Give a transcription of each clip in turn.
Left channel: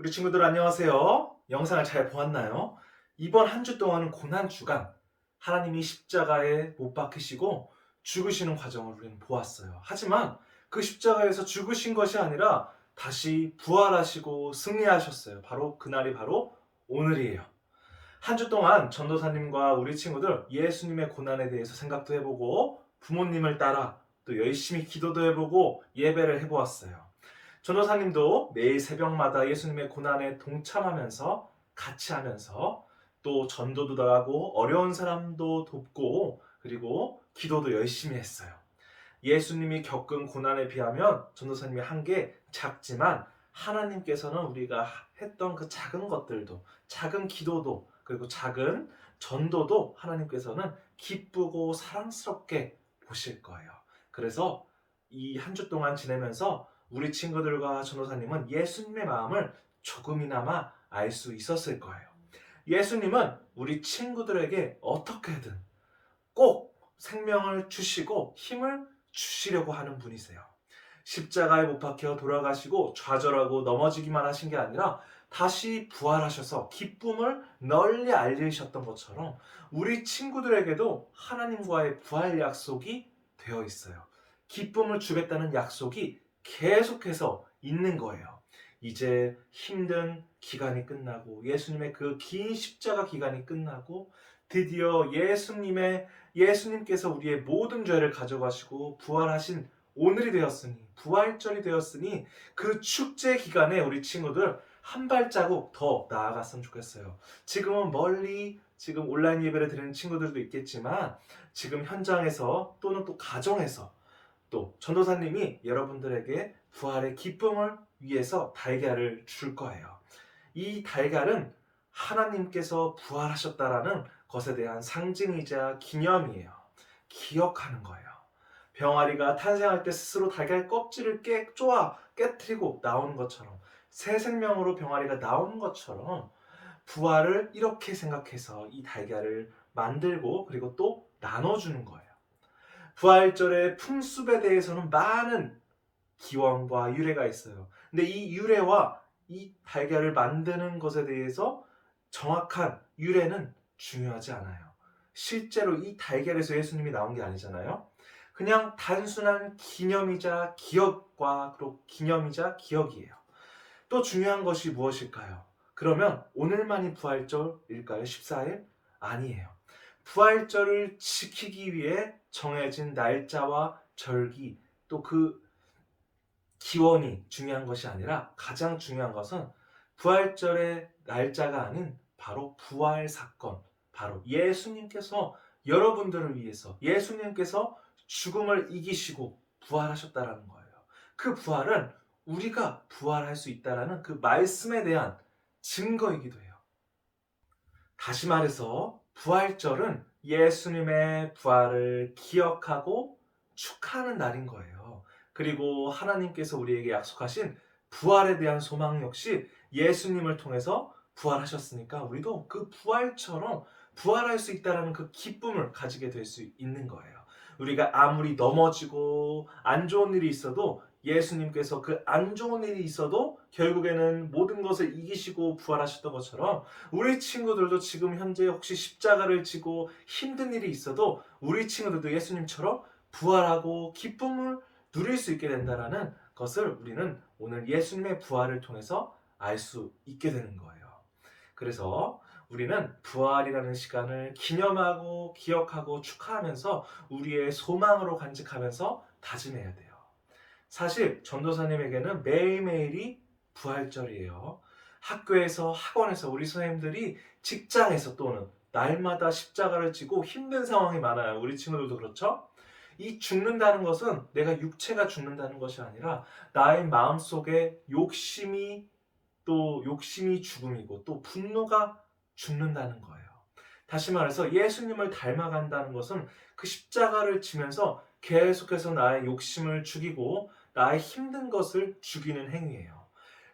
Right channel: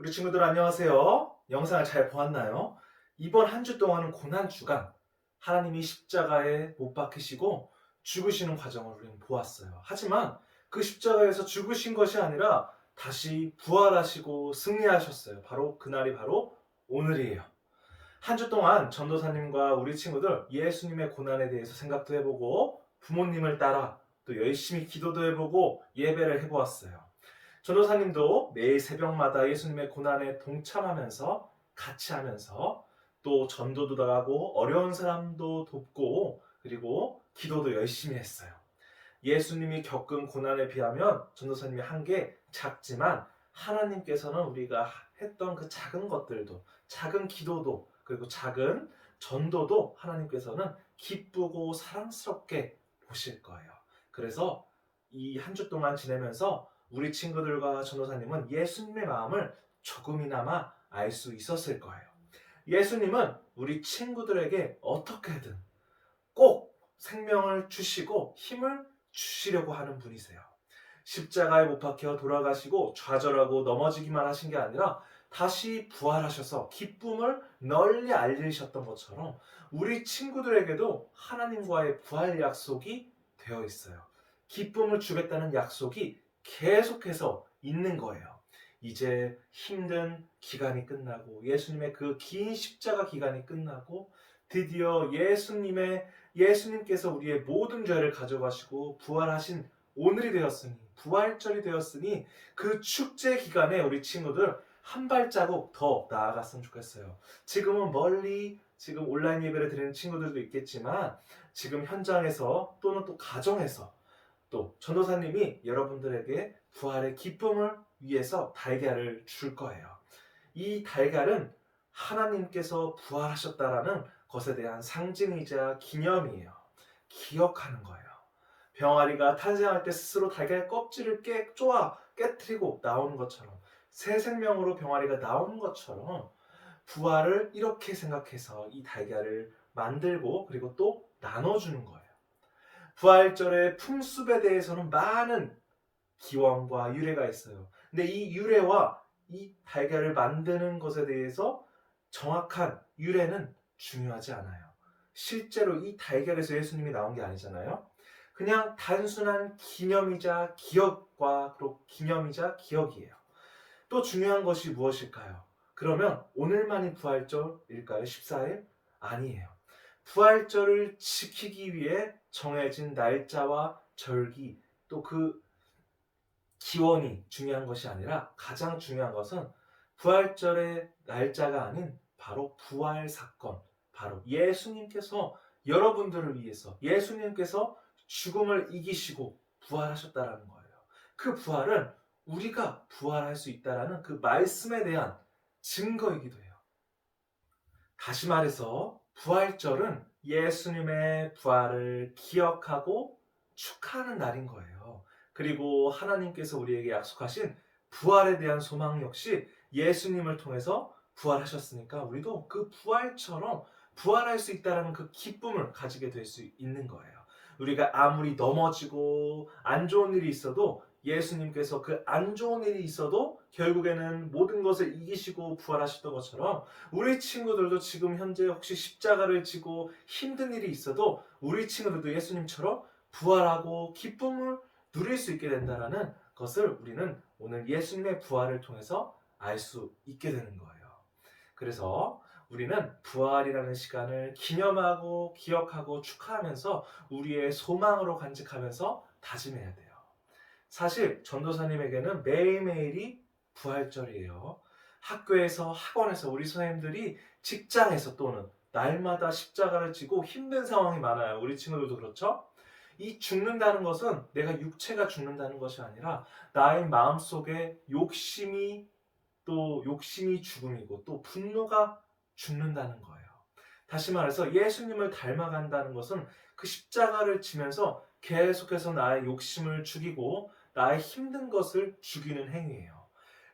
우리 친구들 안녕하세요. 영상을 잘 보았나요? 이번 한 주 동안은 고난주간 하나님이 십자가에 못 박히시고 죽으시는 과정을 우리는 보았어요. 하지만 그 십자가에서 죽으신 것이 아니라 다시 부활하시고 승리하셨어요. 바로 그날이 바로 오늘이에요. 한 주 동안 전도사님과 우리 친구들 예수님의 고난에 대해서 생각도 해보고 부모님을 따라 또 열심히 기도도 해보고 예배를 해보았어요. 전도사님도 매일 새벽마다 예수님의 고난에 동참하면서 같이 하면서 또 전도도 하고 어려운 사람도 돕고 그리고 기도도 열심히 했어요. 예수님이 겪은 고난에 비하면 전도사님이 한 게 작지만 하나님께서는 우리가 했던 그 작은 것들도 작은 기도도 그리고 작은 전도도 하나님께서는 기쁘고 사랑스럽게 보실 거예요. 그래서 이 한 주 동안 지내면서 우리 친구들과 전도사님은 예수님의 마음을 조금이나마 알 수 있었을 거예요. 예수님은 우리 친구들에게 어떻게든 꼭 생명을 주시고 힘을 주시려고 하는 분이세요. 십자가에 못 박혀 돌아가시고 좌절하고 넘어지기만 하신 게 아니라 다시 부활하셔서 기쁨을 널리 알리셨던 것처럼 우리 친구들에게도 하나님과의 부활 약속이 되어 있어요. 기쁨을 주겠다는 약속이 계속해서 있는 거예요. 이제 힘든 기간이 끝나고 예수님의 그 긴 십자가 기간이 끝나고 드디어 예수님께서 우리의 모든 죄를 가져가시고 부활하신 오늘이 되었으니 부활절이 되었으니 그 축제 기간에 우리 친구들 한 발자국 더 나아갔으면 좋겠어요. 지금은 멀리 지금 온라인 예배를 드리는 친구들도 있겠지만 지금 현장에서 또는 또 가정에서 또 전도사님이 여러분들에게 부활의 기쁨을 위해서 달걀을 줄 거예요. 이 달걀은 하나님께서 부활하셨다라는 것에 대한 상징이자 기념이에요. 기억하는 거예요. 병아리가 탄생할 때 스스로 달걀 껍질을 깨뜨리고 나오는 것처럼 새 생명으로 병아리가 나오는 것처럼 부활을 이렇게 생각해서 이 달걀을 만들고 그리고 또 나눠주는 거예요. 부활절의 풍습에 대해서는 많은 기원과 유래가 있어요. 근데 이 유래와 이 달걀을 만드는 것에 대해서 정확한 유래는 중요하지 않아요. 실제로 이 달걀에서 예수님이 나온 게 아니잖아요. 그냥 단순한 기념이자 기억과 또 기념이자 기억이에요. 또 중요한 것이 무엇일까요? 그러면 오늘만이 부활절일까요? 14일? 아니에요. 부활절을 지키기 위해 정해진 날짜와 절기 또 그 기원이 중요한 것이 아니라 가장 중요한 것은 부활절의 날짜가 아닌 바로 부활 사건, 바로 예수님께서 여러분들을 위해서 예수님께서 죽음을 이기시고 부활하셨다라는 거예요. 그 부활은 우리가 부활할 수 있다라는 그 말씀에 대한 증거이기도 해요. 다시 말해서 부활절은 예수님의 부활을 기억하고 축하하는 날인 거예요. 그리고 하나님께서 우리에게 약속하신 부활에 대한 소망 역시 예수님을 통해서 부활하셨으니까 우리도 그 부활처럼 부활할 수 있다는 그 기쁨을 가지게 될 수 있는 거예요. 우리가 아무리 넘어지고 안 좋은 일이 있어도 예수님께서 그 안 좋은 일이 있어도 결국에는 모든 것을 이기시고 부활하셨던 것처럼 우리 친구들도 지금 현재 혹시 십자가를 지고 힘든 일이 있어도 우리 친구들도 예수님처럼 부활하고 기쁨을 누릴 수 있게 된다라는 것을 우리는 오늘 예수님의 부활을 통해서 알 수 있게 되는 거예요. 그래서 우리는 부활이라는 시간을 기념하고 기억하고 축하하면서 우리의 소망으로 간직하면서 다짐해야 돼요. 사실 전도사님에게는 매일매일이 부활절이에요. 학교에서 학원에서 우리 선생님들이 직장에서 또는 날마다 십자가를 지고 힘든 상황이 많아요. 우리 친구들도 그렇죠? 이 죽는다는 것은 내가 육체가 죽는다는 것이 아니라 나의 마음속에 욕심이 죽음이고 또 분노가 죽는다는 거예요. 다시 말해서 예수님을 닮아간다는 것은 그 십자가를 지면서 계속해서 나의 욕심을 죽이고 나의 힘든 것을 죽이는 행위예요.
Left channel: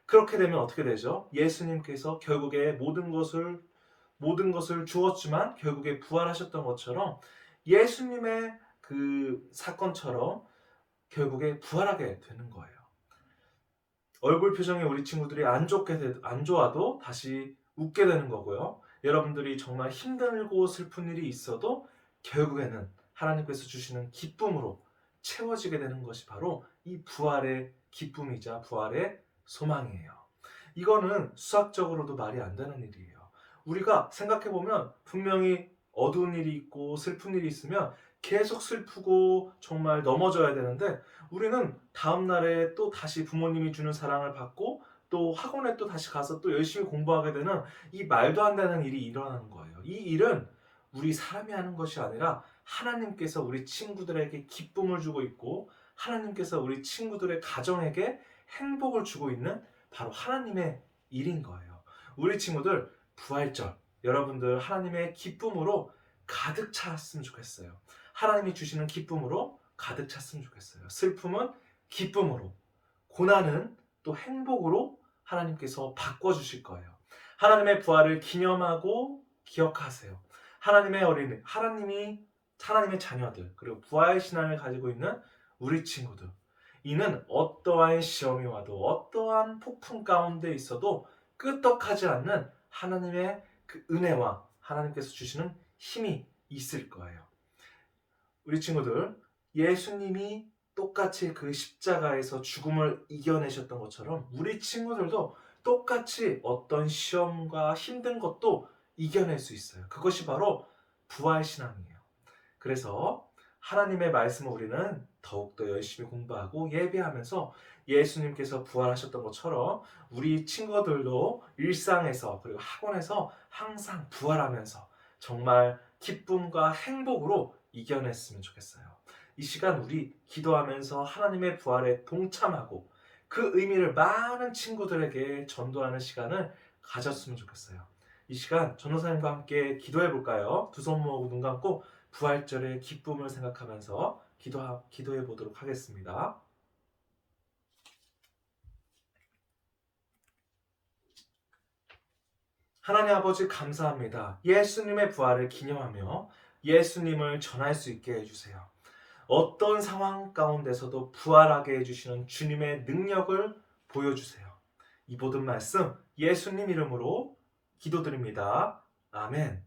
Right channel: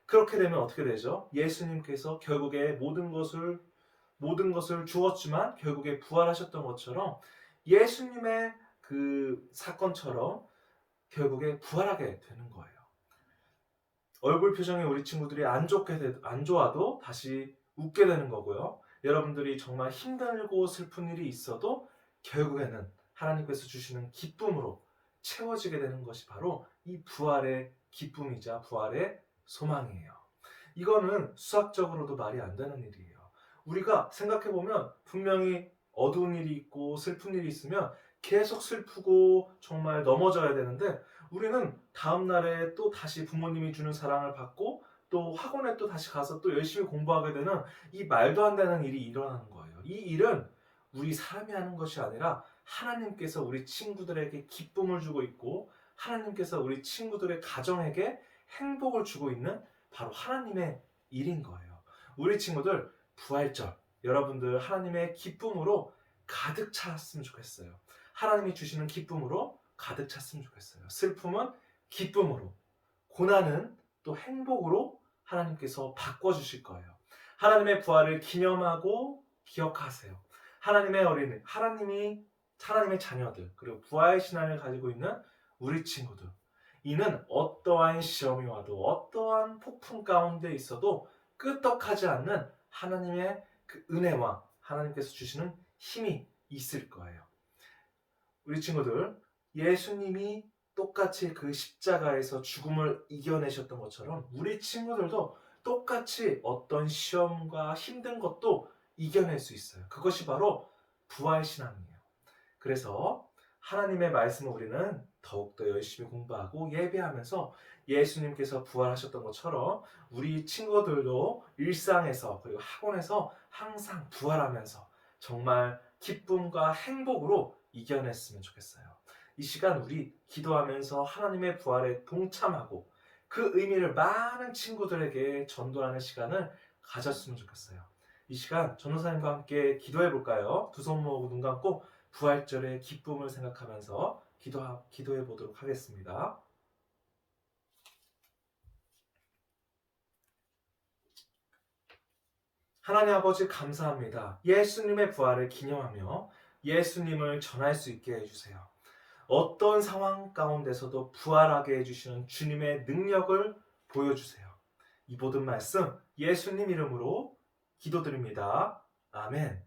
그렇게 되면 어떻게 되죠? 예수님께서 결국에 모든 것을 주었지만 결국에 부활하셨던 것처럼 예수님의 그 사건처럼 결국에 부활하게 되는 거예요. 얼굴 표정이 우리 친구들이 안 좋아도 다시 웃게 되는 거고요. 여러분들이 정말 힘들고 슬픈 일이 있어도 결국에는 하나님께서 주시는 기쁨으로 채워지게 되는 것이 바로 이 부활의 기쁨이자 부활의 소망이에요. 이거는 수학적으로도 말이 안 되는 일이에요. 우리가 생각해 보면 분명히 어두운 일이 있고 슬픈 일이 있으면 계속 슬프고 정말 넘어져야 되는데 우리는 다음 날에 또 다시 부모님이 주는 사랑을 받고 또 학원에 또 다시 가서 또 열심히 공부하게 되는 이 말도 안 되는 일이 일어나는 거예요. 이 일은 우리 사람이 하는 것이 아니라 하나님께서 우리 친구들에게 기쁨을 주고 있고 하나님께서 우리 친구들의 가정에게 행복을 주고 있는 바로 하나님의 일인 거예요. 우리 친구들 부활절 여러분들 하나님의 기쁨으로 가득 찼으면 좋겠어요. 하나님이 주시는 기쁨으로 가득 찼으면 좋겠어요. 슬픔은 기쁨으로, 고난은 또 행복으로 하나님께서 바꿔주실 거예요. 하나님의 부활을 기념하고 기억하세요. 하나님의 어린이, 하나님의 자녀들, 그리고 부활 신앙을 가지고 있는 우리 친구들. 이는 어떠한 시험이 와도 어떠한 폭풍 가운데 있어도 끄떡하지 않는 하나님의 그 은혜와 하나님께서 주시는 힘이 있을 거예요. 우리 친구들, 예수님이 똑같이 그 십자가에서 죽음을 이겨내셨던 것처럼 우리 친구들도 똑같이 어떤 시험과 힘든 것도 이겨낼 수 있어요. 그것이 바로 부활신앙이에요. 그래서 하나님의 말씀을 우리는 더욱더 열심히 공부하고 예배하면서 예수님께서 부활하셨던 것처럼 우리 친구들도 일상에서 그리고 학원에서 항상 부활하면서 정말 기쁨과 행복으로 이겨냈으면 좋겠어요. 이 시간 우리 기도하면서 하나님의 부활에 동참하고 그 의미를 많은 친구들에게 전도하는 시간을 가졌으면 좋겠어요. 이 시간 전도사님과 함께 기도해 볼까요? 두 손 모으고 눈 감고 부활절의 기쁨을 생각하면서 기도해 보도록 하겠습니다. 하나님 아버지 감사합니다. 예수님의 부활을 기념하며 예수님을 전할 수 있게 해주세요. 어떤 상황 가운데서도 부활하게 해주시는 주님의 능력을 보여주세요. 이 모든 말씀 예수님 이름으로 기도드립니다. 아멘.